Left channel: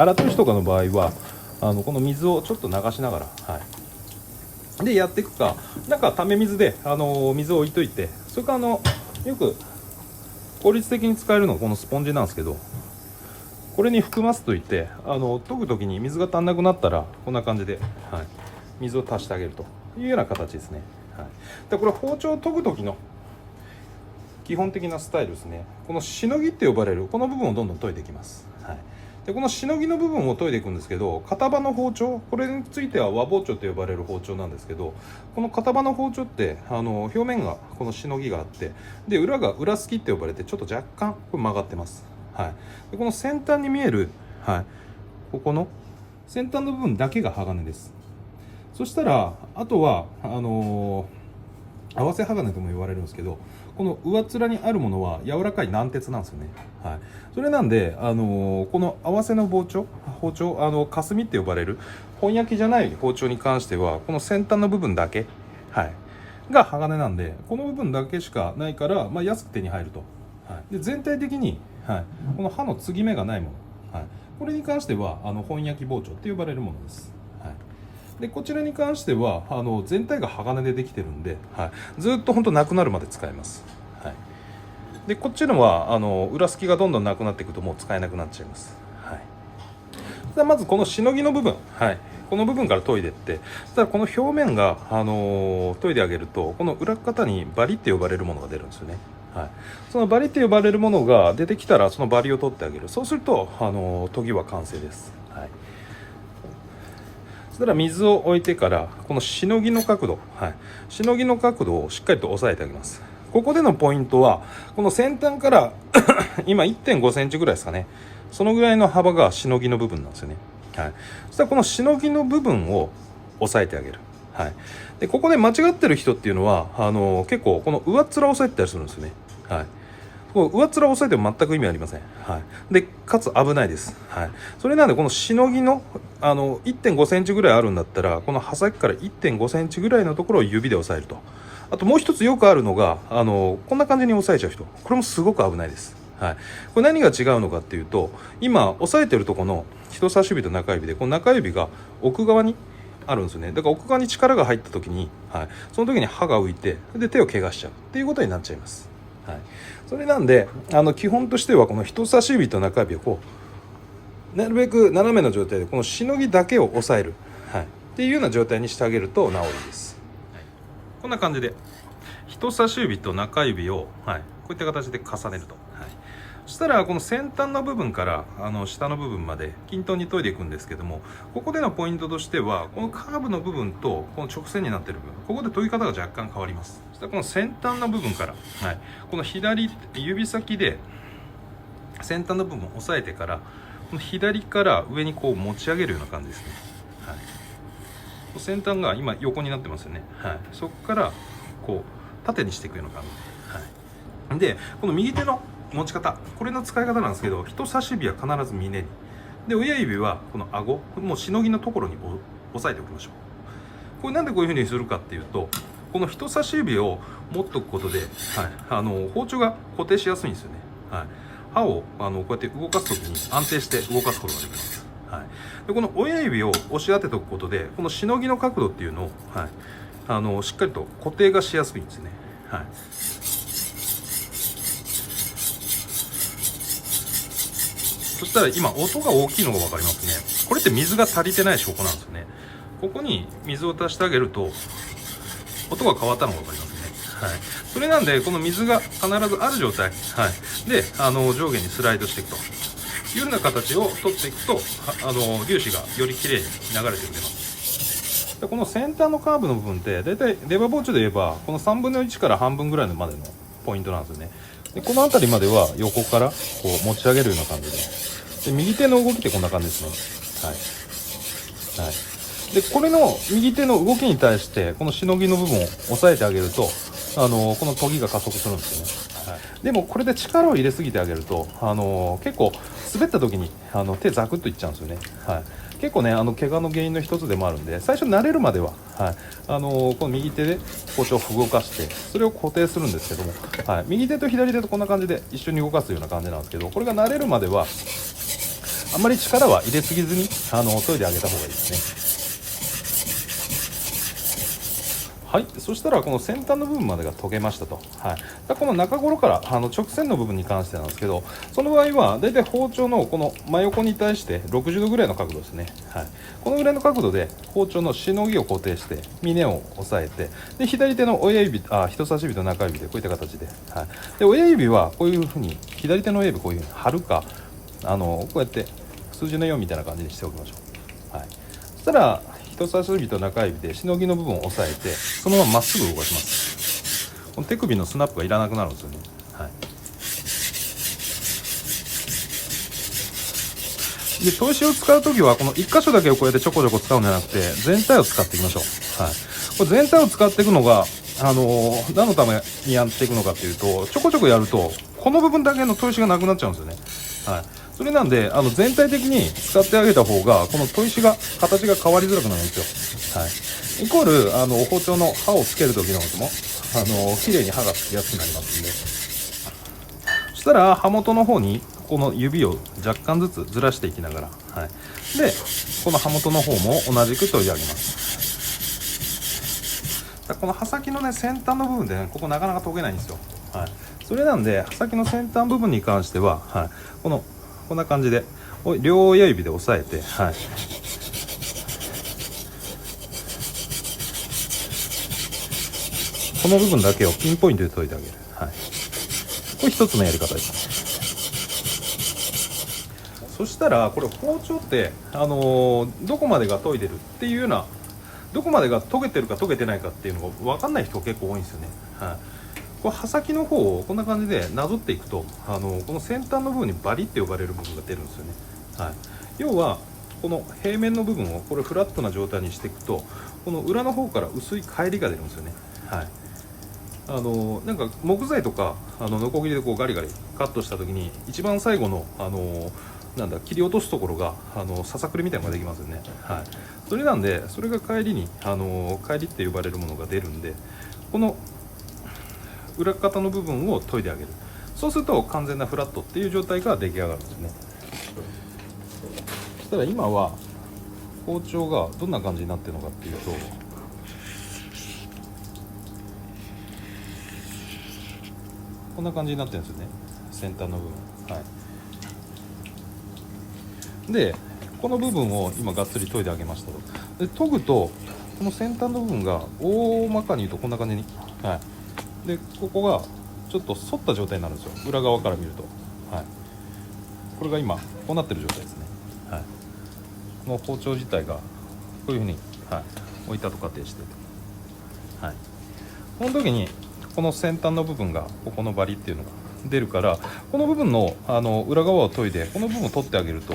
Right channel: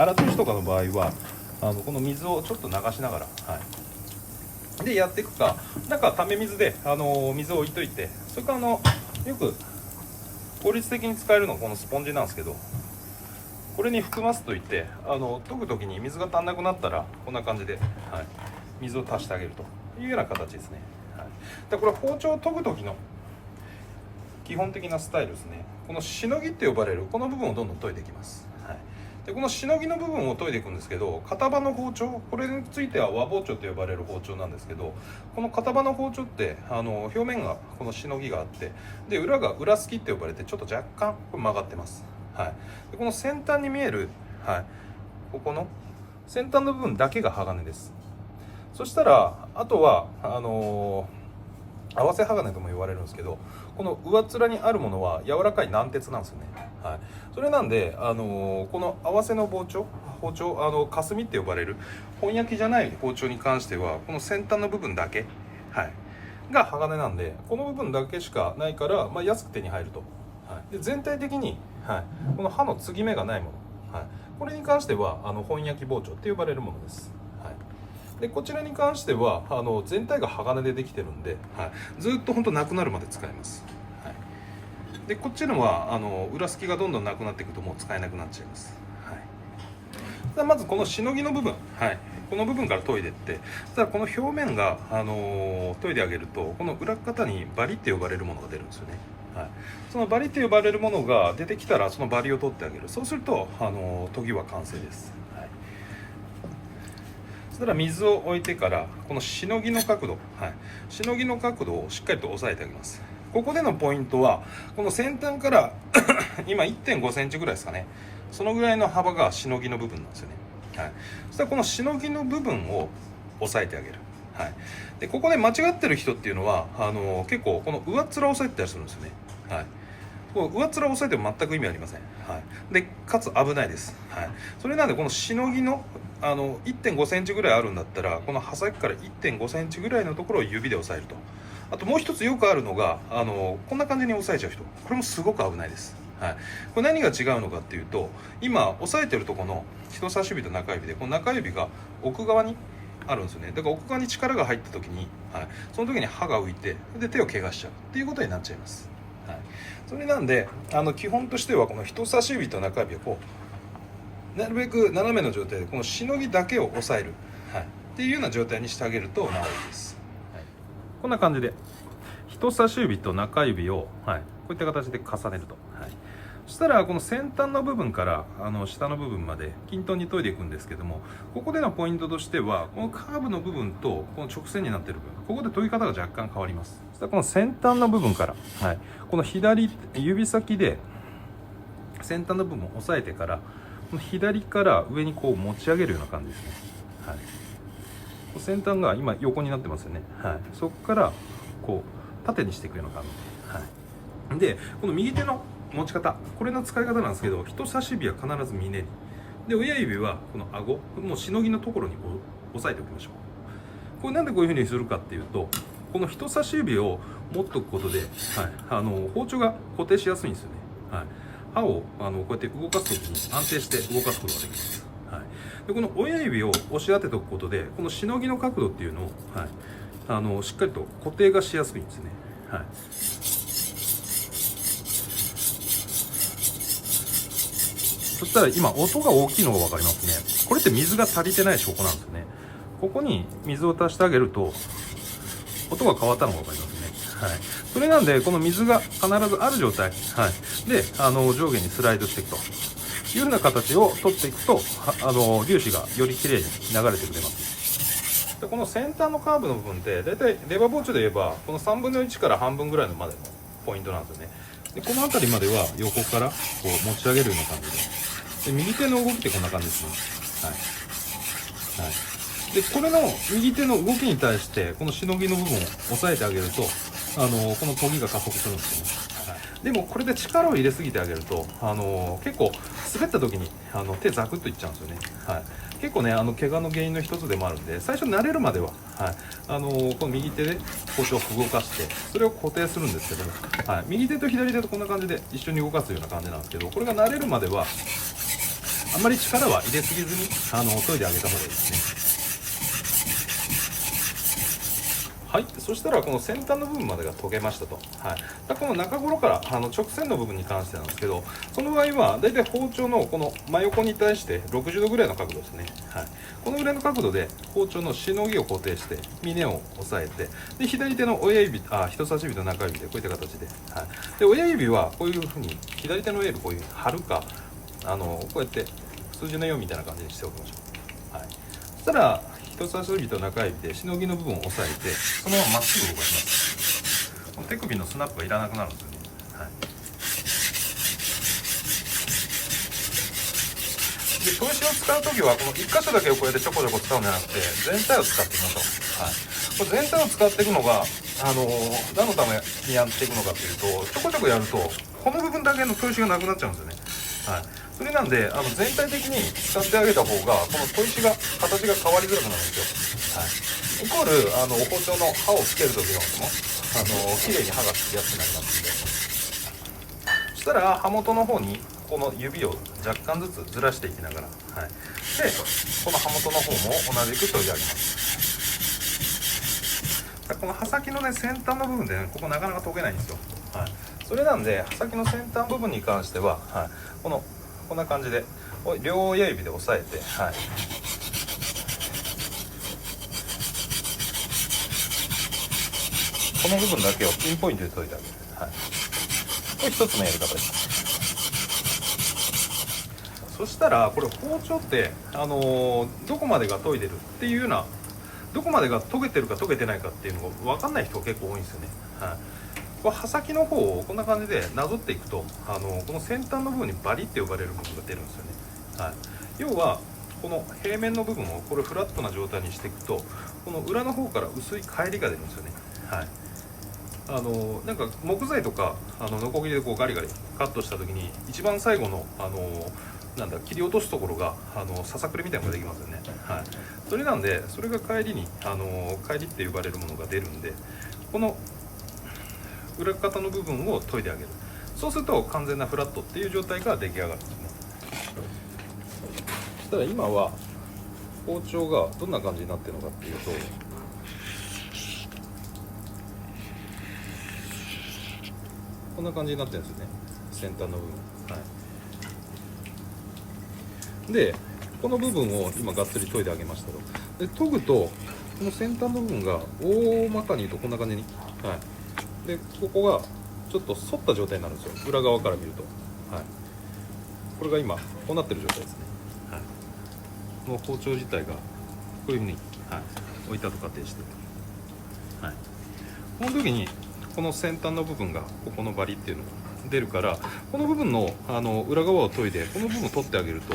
荒取りとかの場合はこの水をちょっと流しながら、でやっていくか、なんかため水で水を置いといて、それからよく効率的に使えるのがこのスポンジなんですけど、これに含ませといて研ぐ時に水が足んなくなったらこんな感じで、水を足してあげるというような形ですね。でこれは包丁を研ぐ時の基本的なスタイルですね。このしのぎって呼ばれるこの部分をどんどん研いでいきます。でこのしのぎの部分を研いでいくんですけど、片刃の包丁、これについては和包丁と呼ばれる包丁なんですけど、この片刃の包丁って表面がこのしのぎがあって、で裏が裏すきって呼ばれてちょっと若干これ曲がってます。でこの先端に見える、ここの先端の部分だけが鋼です。そしたらあとは合わせ鋼とも言われるんですけど、この上っ面にあるものは柔らかい軟鉄なんですよね。それなんでこの合わせの包丁霞って呼ばれる本焼きじゃない包丁に関してはこの先端の部分だけ、が鋼なんで、この部分だけしかないから、安く手に入ると。で全体的に、この刃の継ぎ目がないもの、これに関しては本焼き包丁って呼ばれるものです。でこちらに関しては全体が鋼でできてるんで、ずっと本当なくなるまで使えます。でこっちのは裏すきがどんどんなくなっていくともう使えなくなっちゃいます。でまずこのしのぎの部分、この部分から研いでいって、そしたらこの表面が、研いであげるとこの裏方にバリって呼ばれるものが出るんですよね。そのバリって呼ばれるものが出てきたらそのバリを取ってあげる。そうすると研ぎは完成です。そしたら水を置いてからこのしのぎの角度、しのぎの角度をしっかりと押さえてあげます。ここでのポイントはこの先端から今 1.5 センチぐらいですかね、そのぐらいの幅がしのぎの部分なんですよね。そしたらこのしのぎの部分を押さえてあげる。でここで間違ってる人っていうのは結構この上っ面を押さえてたりするんですよね。こう上っ面を押さえても全く意味ありません。でかつ危ないです。それなんでこのしのぎの1.5 センチぐらいあるんだったら、この刃先から 1.5 センチぐらいのところを指で押さえると。あともう一つよくあるのがこんな感じに押さえちゃう人、これもすごく危ないです。これ何が違うのかっていうと、今押さえてるところの人差し指と中指でこの中指が奥側にあるんですよね。だから奥側に力が入った時に、その時に刃が浮いてで手を怪我しちゃうっていうことになっちゃいます。それなんで基本としてはこの人差し指と中指をこうなるべく斜めの状態でこのしのぎだけを押さえる、っていうような状態にしてあげると治るんです。こんな感じで人差し指と中指を、こういった形で重ねると、そしたらこの先端の部分から下の部分まで均等に研いでいくんですけども、ここでのポイントとしてはこのカーブの部分とこの直線になっている部分、ここで研ぎ方が若干変わります。そしたらこの先端の部分から、この左指先で先端の部分を押さえてから、この左から上にこう持ち上げるような感じですね。先端が今横になってますよね。そこからこう縦にしていくような感じで、この右手の持ち方、これの使い方なんですけど、人差し指は必ず峰にで、親指はこの顎、もうしのぎのところに押さえておきましょう。これなんでこういう風にするかっていうと、この人差し指を持っておくことで、包丁が固定しやすいんですよね。刃をこうやって動かすときに安定して動かすことができます。でこの親指を押し当てておくことで、このしのぎの角度っていうのを、しっかりと固定がしやすいんですね。そしたら今音が大きいのが分かりますね。これって水が足りてない証拠なんですよね。ここに水を足してあげると音が変わったのが分かりますね。それなんでこの水が必ずある状態、で上下にスライドしていくというような形を取っていくと粒子がよりきれいに流れてくれます。でこの先端のカーブの部分って大体レバー包丁で言えばこの3分の1から半分ぐらいまでのポイントなんですよね。でこの辺りまでは横からこう持ち上げるような感じで、右手の動きってこんな感じですね。でこれの右手の動きに対してこのしのぎの部分を押さえてあげるとこの研ぎが加速するんですよね。でもこれで力を入れすぎてあげると結構滑った時に手ザクッといっちゃうんですよね。結構ね怪我の原因の一つでもあるんで、最初慣れるまでは、この右手で包丁を動かしてそれを固定するんですけども、右手と左手とこんな感じで一緒に動かすような感じなんですけど、これが慣れるまではあんまり力は入れすぎずに研いであげた方がいいですね。はい、そしたらこの先端の部分までが研げましたと。はい、この中頃から直線の部分に関してなんですけど、この場合はだいたい包丁のこの真横に対して60度ぐらいの角度ですね。はい、このぐらいの角度で包丁のしのぎを固定して峰を押さえて、で左手の親指人差し指と中指でこういった形で、はい、で親指はこういうふうに左手の親指こういうふうに貼るかこうやって数字の4みたいな感じにしておきましょう。はい、そしたら人差し指と中指でしのぎの部分を押さえて、そのまままっすぐ動かします。この手首のスナップがいらなくなるんですよね。はい、で砥石を使うときはこの1箇所だけをこうやってちょこちょこ使うんじゃなくて、全体を使っていきましょう。はい、これ全体を使っていくのが何のためにやっていくのかというと、ちょこちょこやるとこの部分だけの砥石がなくなっちゃうんですよね。はい、それなんで全体的に使ってあげた方がこの砥石が形が変わりづらくなるんですよ。はい、イコール包丁の刃をつける時のことも綺麗に刃がつきやすくなりますんで、そしたら刃元の方にこの指を若干ずつずらしていきながら、はい、でこの刃元の方も同じく研いであげます。この刃先のね先端の部分でね、ここなかなか研げないんですよ。はい、それなんで刃先の先端部分に関しては、はい、こんな感じで両親指で押さえて、はい、この部分だけをピンポイントで研いであげる。はい、これ一つのやり方です。そしたらこれ包丁って、どこまでが研いでるっていうような、どこまでが研げてるか研げてないかっていうのが分かんない人結構多いんですよね。はい、これ刃先の方をこんな感じでなぞっていくと、この先端の部分にバリって呼ばれる部分が出るんですよね。はい、要はこの平面の部分をこれフラットな状態にしていくと、この裏の方から薄い返りが出るんですよね。はい、なんか木材とかノコギリでこうガリガリカットした時に一番最後の切り落とすところがささくりみたいなのができますよね。はい、それなんでそれが帰りに帰りって呼ばれるものが出るんで、この裏方の部分を研いであげる。そうすると完全なフラットっていう状態が出来上がるんですね。そしたら今は包丁がどんな感じになってるのかっていうと、こんな感じになってるんですよね、先端の部分。はい、でこの部分を今がっつり研いであげましたと。で研ぐとこの先端の部分が大まかに言うとこんな感じに、はい、でここがちょっと反った状態なんですよ、裏側から見ると。はい、これが今こうなってる状態ですね。はい、この包丁自体がこういうふうに、はい、置いたと仮定して、はい、この時にこの先端の部分がここのバリっていうのが出るから、この部分の裏側を研いでこの部分を取ってあげると、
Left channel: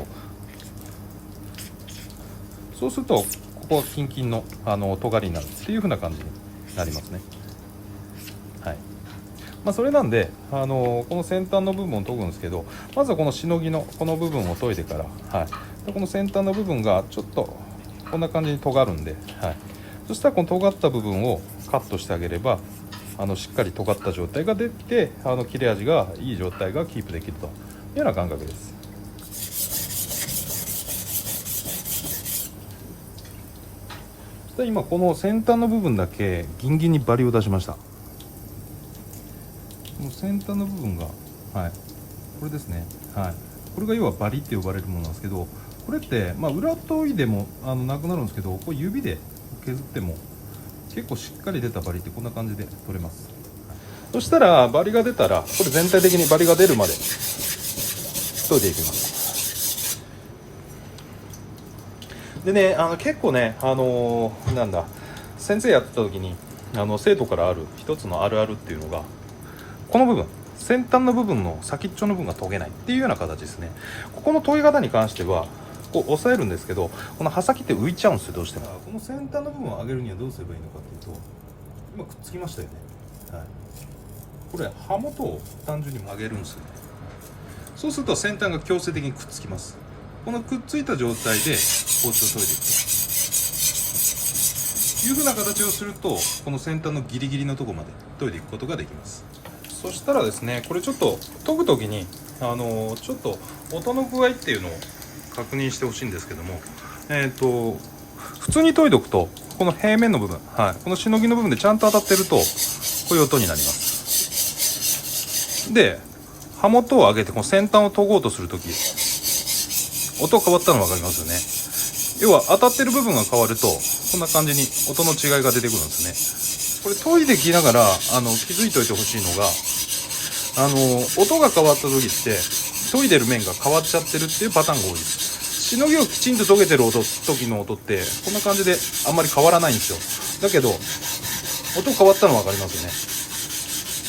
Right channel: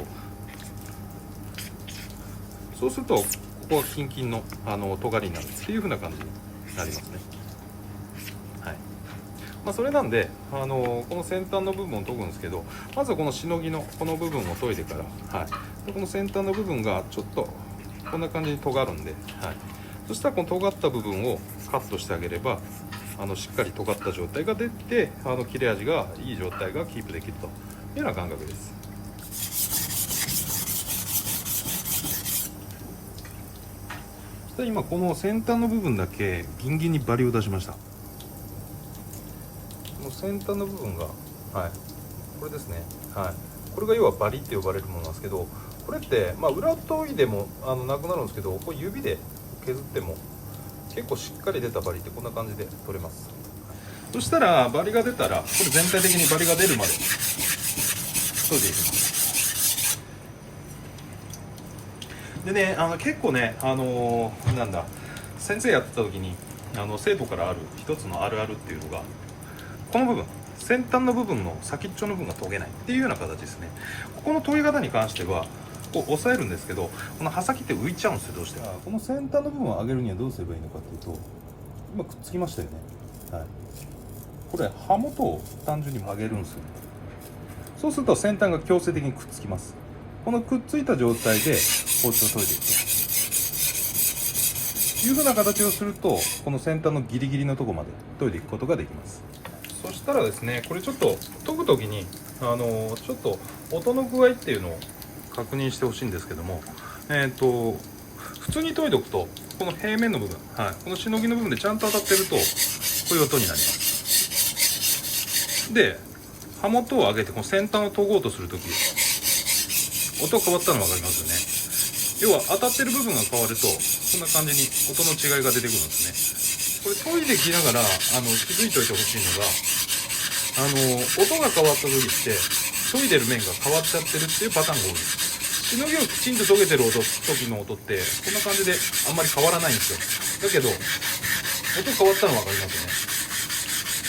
そうするとここはキンキンの尖りになるっていう風な感じになりますね。はい、それなんでこの先端の部分を研ぐんですけど、まずはこのしのぎのこの部分を研いでから、はい、この先端の部分がちょっとこんな感じに尖るんで、はい、そしたらこの尖った部分をカットしてあげればしっかり尖った状態が出て切れ味がいい状態がキープできるというような感覚です。で今この先端の部分だけギンギンにバリを出しました。この先端の部分が、はい、これですね。はい、これが要はバリって呼ばれるものなんですけど、これって、裏研いでもなくなるんですけど、これ指で削っても結構しっかり出たバリってこんな感じで取れます。そしたらバリが出たらこれ全体的にバリが出るまで研いでいきます。でね、結構ね、先生やってた時に生徒からある一つのあるあるっていうのが、この部分先端の部分の先っちょの部分が研げないっていうような形ですね。ここの研ぎ方に関してはこう押さえるんですけど、この刃先って浮いちゃうんですよ、どうしても。この先端の部分を上げるにはどうすればいいのかっていうと、今くっつきましたよね。はい、これ刃元を単純に曲げるんですよね。そうすると先端が強制的にくっつきます。このくっついた状態で包丁を研いでいくというふうな形をすると、この先端のギリギリのところまで研いでいくことができます。そしたらですね、これちょっと研ぐ時にちょっと音の具合っていうのを確認してほしいんですけども、普通に研いでおくとこの平面の部分、はい、このしのぎの部分でちゃんと当たってるとこういう音になります。で刃元を上げてこの先端を研ごうとするとき音変わったの分かりますよね。要は当たってる部分が変わるとこんな感じに音の違いが出てくるんですね。これ研いできながら気づいておいてほしいのが、音が変わった時って研いでる面が変わっちゃってるっていうパターンが多いです。しのぎをきちんと研げてる時の音ってこんな感じであんまり変わらないんですよ。だけど音変わったの分かります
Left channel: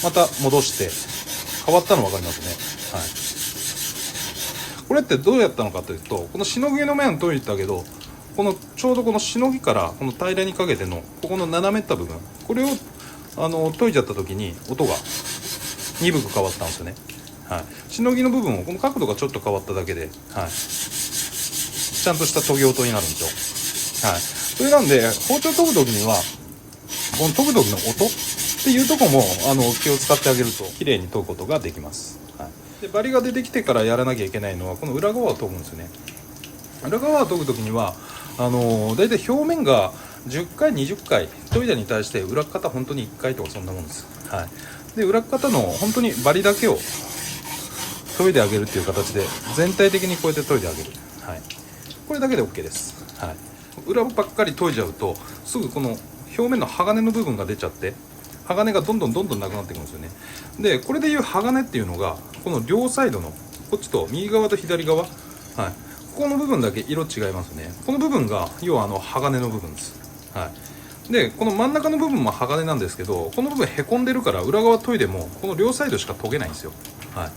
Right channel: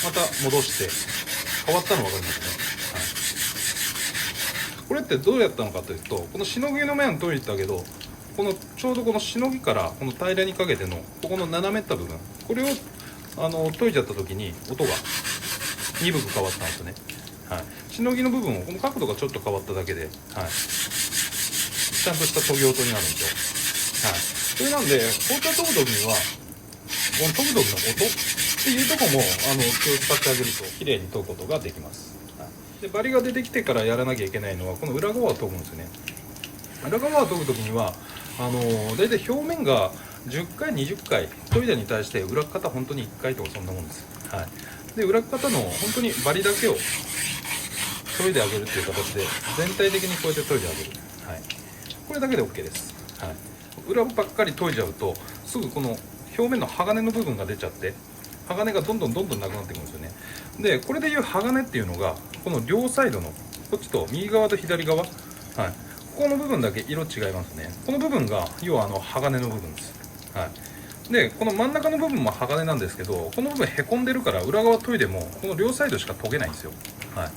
よね。また戻して変わったの分かりますね。はい、これってどうやったのかというと、このしのぎの面を研いだけどこのちょうどこのしのぎからこの平らにかけてのここの斜めった部分、これを研いじゃった時に音が鈍く変わったんですよね。はい、しのぎの部分をこの角度がちょっと変わっただけで、はい、ちゃんとした研ぎ音になるんですよ。はい、それなんで包丁研ぐ時にはこの研ぐ時の音っていうとこも気を使ってあげると綺麗に研ぐことができます。はい、でバリが出てきてからやらなきゃいけないのはこの裏側を研ぐんですよね。裏側を研ぐ時には大体表面が10回20回研いだに対して裏方本当に1回とかそんなもんです。はい、で裏方の本当にバリだけを研いであげるっていう形で全体的にこうやって研いであげる、はい、これだけで OK です。はい、裏ばっかり研いじゃうとすぐこの表面の鋼の部分が出ちゃって鋼がどんどんなくなってくるんですよね。でこれでいう鋼っていうのがこの両サイドのこっちと右側と左側、はい、ここの部分だけ色違いますね。この部分が要は鋼の部分です。はい、でこの真ん中の部分も鋼なんですけど、この部分へこんでるから裏側研いでもこの両サイドしか研げないんですよ。はい、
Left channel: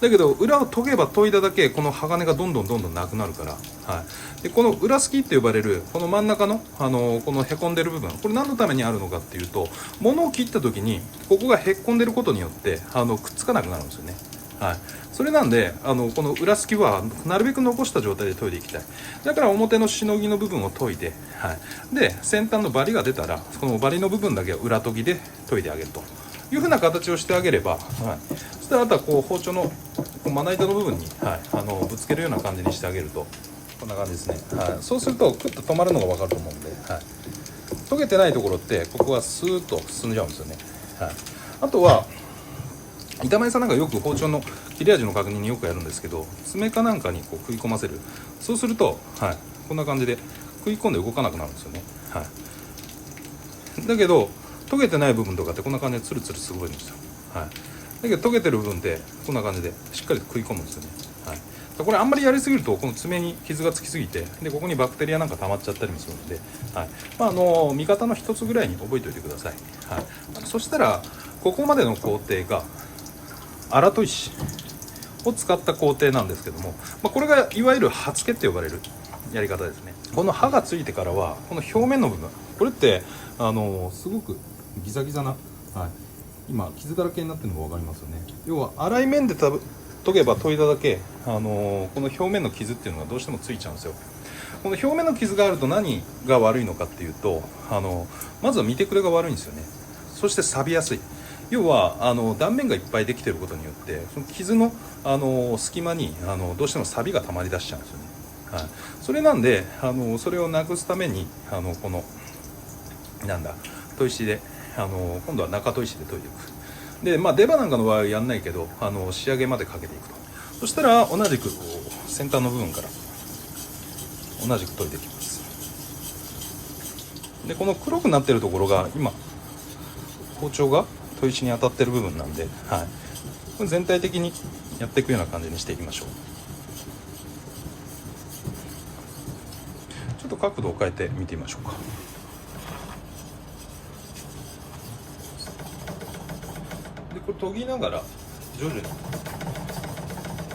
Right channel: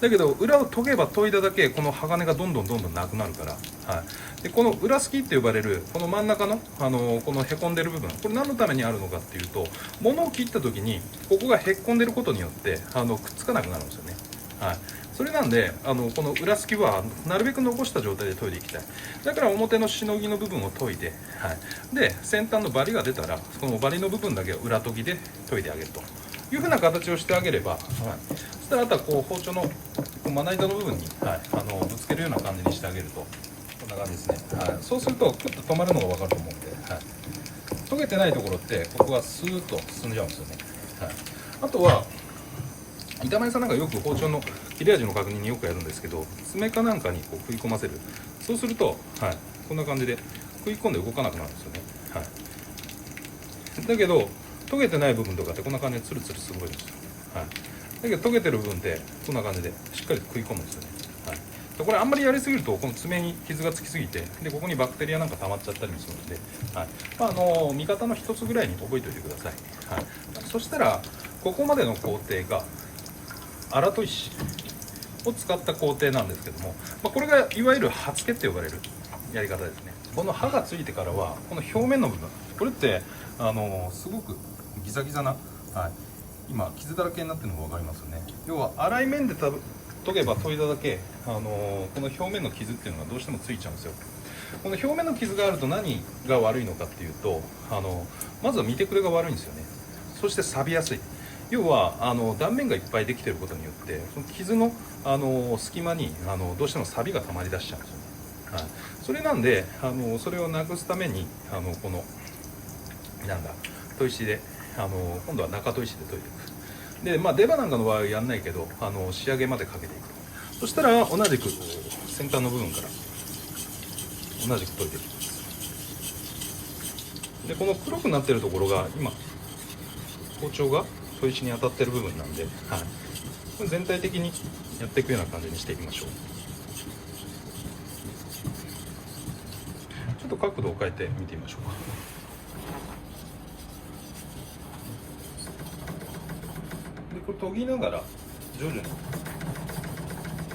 だけど裏を研げば研いだだけこの鋼がどんどんなくなるから、はい、でこの裏すきって呼ばれるこの真ん中の、このへこんでる部分、これ何のためにあるのかっていうと、物を切った時にここがへこんでることによってくっつかなくなるんですよね。はい、それなんでこの裏すきはなるべく残した状態で研いでいきたい。だから表のしのぎの部分を研いで、はい、で先端のバリが出たらこのバリの部分だけを裏研ぎで研いであげるという風な形をしてあげれば、はい、そしたらあとはこう包丁のまな板の部分に、はい、ぶつけるような感じにしてあげるとこんな感じですね。はい、そうするとクッと止まるのが分かると思うんで、はい、研げてないところってここがスーッと進んじゃうんですよね。はい、あとは板前さんなんかよく包丁の切れ味の確認によくやるんですけど、爪かなんかにこう食い込ませる。そうすると、はい、こんな感じで食い込んで動かなくなるんですよね。はい、だけど研げてない部分とかってこんな感じでツルツルすごいんですよ。はい、だけど研げてる部分ってこんな感じでしっかりと食い込むんですよね。はい、これあんまりやりすぎるとこの爪に傷がつきすぎて、でここにバクテリアなんか溜まっちゃったりもするので、はい、見方の一つぐらいに覚えておいてください。はい、そしたらここまでの工程が荒砥石を使った工程なんですけども、これがいわゆる刃付けって呼ばれるやり方ですね。この刃がついてからはこの表面の部分、これってすごくギザギザな、はい、今傷だらけになってるのが分かりますよね。要は粗い面で研げば研いだだけ、この表面の傷っていうのがどうしてもついちゃうんですよ。この表面の傷があると何が悪いのかっていうと、まずは見てくれが悪いんですよね。そして錆びやすい。要は断面がいっぱいできていることによってその傷の、隙間にどうしても錆が溜まり出しちゃうんですよね。はい、それなんでそれをなくすためにこのなんだ砥石で今度は中砥石で研いでいく。で出刃なんかの場合はやんないけど仕上げまでかけていくと。そしたら同じく先端の部分から同じく研いでいきます。でこの黒くなってるところが今包丁が砥石に当たってる部分なんで、はい、これ全体的にやっていくような感じにしていきましょう。ちょっと角度を変えて見てみましょうか。でこれ研ぎながら徐々に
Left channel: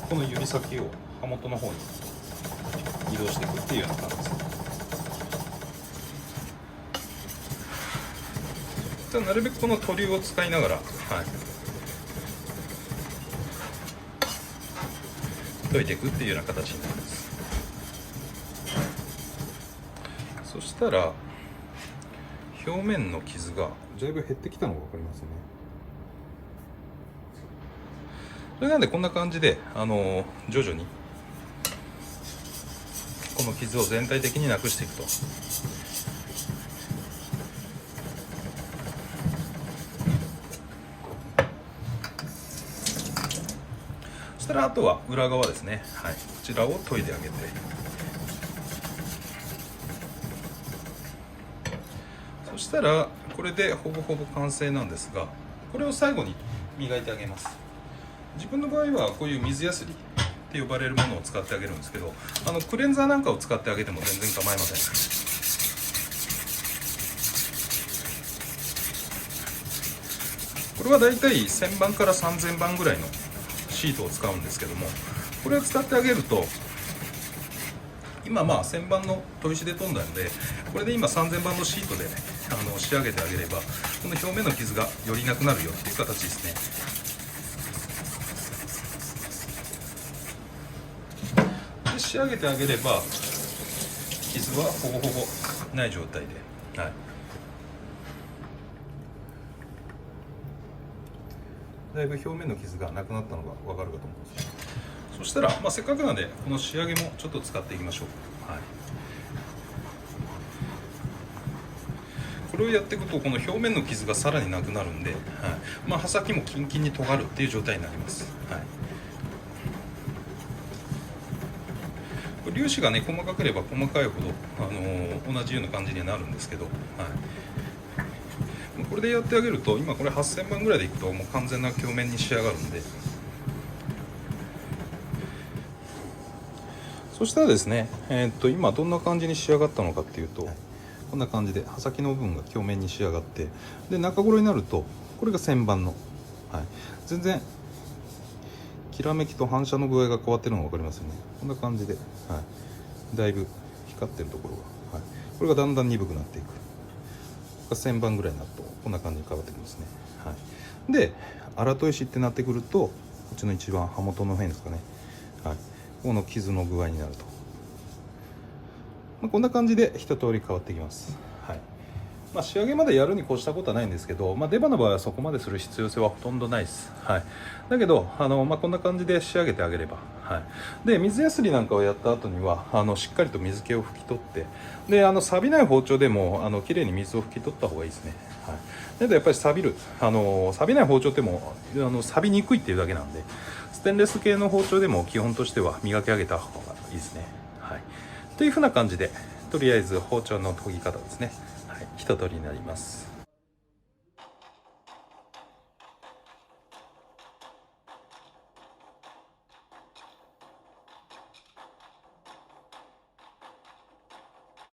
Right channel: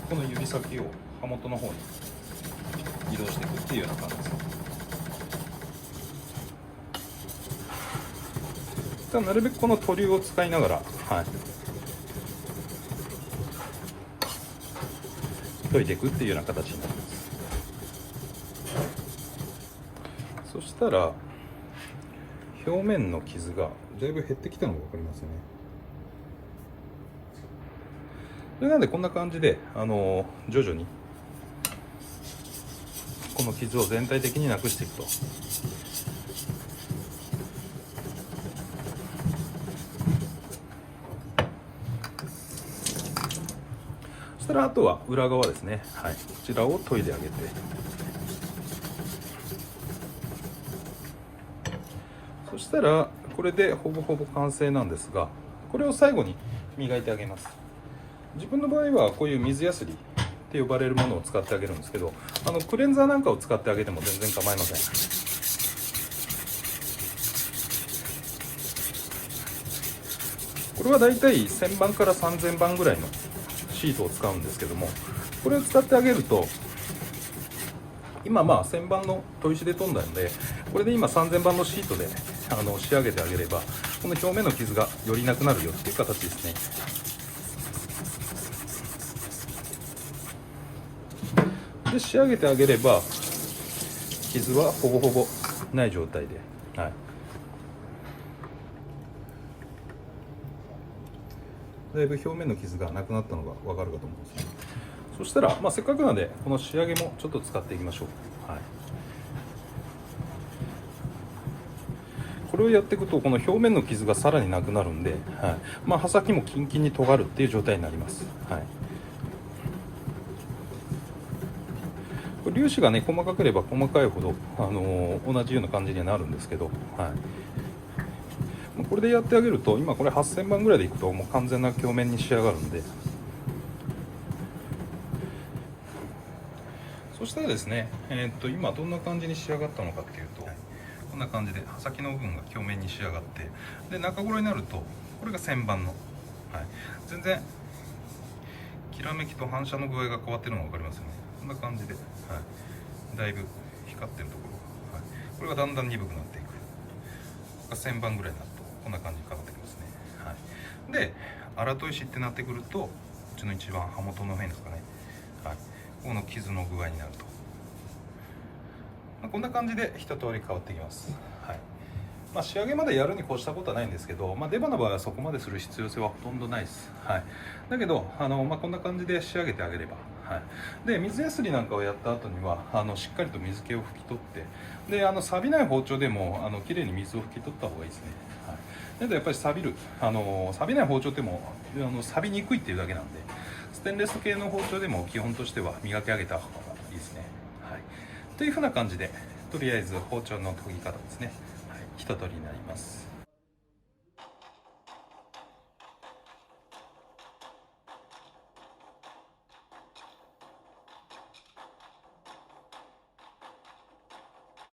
この指先を刃元の方に移動していくっていうような感じですね。なるべくこの研りを使いながら、はい、研いでいくっていうような形になります。そしたら表面の傷がだいぶ減ってきたのが分かりますよね。それなんでこんな感じで徐々にこの傷を全体的になくしていくと。そしたらあとは裏側ですね、はい、こちらを研いであげて、そしたらこれでほぼほぼ完成なんですが、これを最後に磨いてあげます。自分の場合はこういう水やすりって呼ばれるものを使ってあげるんですけど、クレンザーなんかを使ってあげても全然構いません。これはだいたい1000番から3000番ぐらいのシートを使うんですけども、これを使ってあげると、今1000番の砥石で研んだので、これで今3000番のシートで仕上げてあげれば、この表面の傷がよりなくなるよっていう形ですね。で仕上げてあげれば傷はほぼほぼない状態で、はい、だいぶ表面の傷がなくなったのが分かるかと思うんです。そしたら、せっかくなんでこの仕上げもちょっと使っていきましょう。はい、これをやっていくとこの表面の傷がさらになくなるんで、はい、刃先もキンキンに尖るっていう状態になります。はい、粒子がね細かければ細かいほど、同じような感じにはなるんですけど、はい、これでやってあげると、今これ8000番ぐらいでいくともう完全な表面に仕上がるんで、そしたらですね、今どんな感じに仕上がったのかっていうと、こんな感じで刃先の部分が表面に仕上がって、で中頃になるとこれが1000番の、はい、全然きらめきと反射の具合が変わってるのが分かりますよね。こんな感じで、はい、だいぶ光ってるところが、はい、これがだんだん鈍くなっていく。1000番ぐらいになるとこんな感じに変わってきますね。はい、で荒砥石ってなってくると、こっちの一番刃元の辺ですかね、はい、この傷の具合になると、こんな感じで一通り変わってきます。はい、仕上げまでやるに越したことはないんですけど、出刃の場合はそこまでする必要性はほとんどないです。はい、だけどこんな感じで仕上げてあげれば、はい、で水やすりなんかをやった後にはしっかりと水気を拭き取って、で錆びない包丁でも綺麗に水を拭き取った方がいいですね。はい、だけどやっぱり錆びない包丁っても錆びにくいっていうだけなんで、ステンレス系の包丁でも基本としては磨き上げた方がいいですね。はい、というふうな感じで、とりあえず包丁の研ぎ方ですね、はい、一通りになります。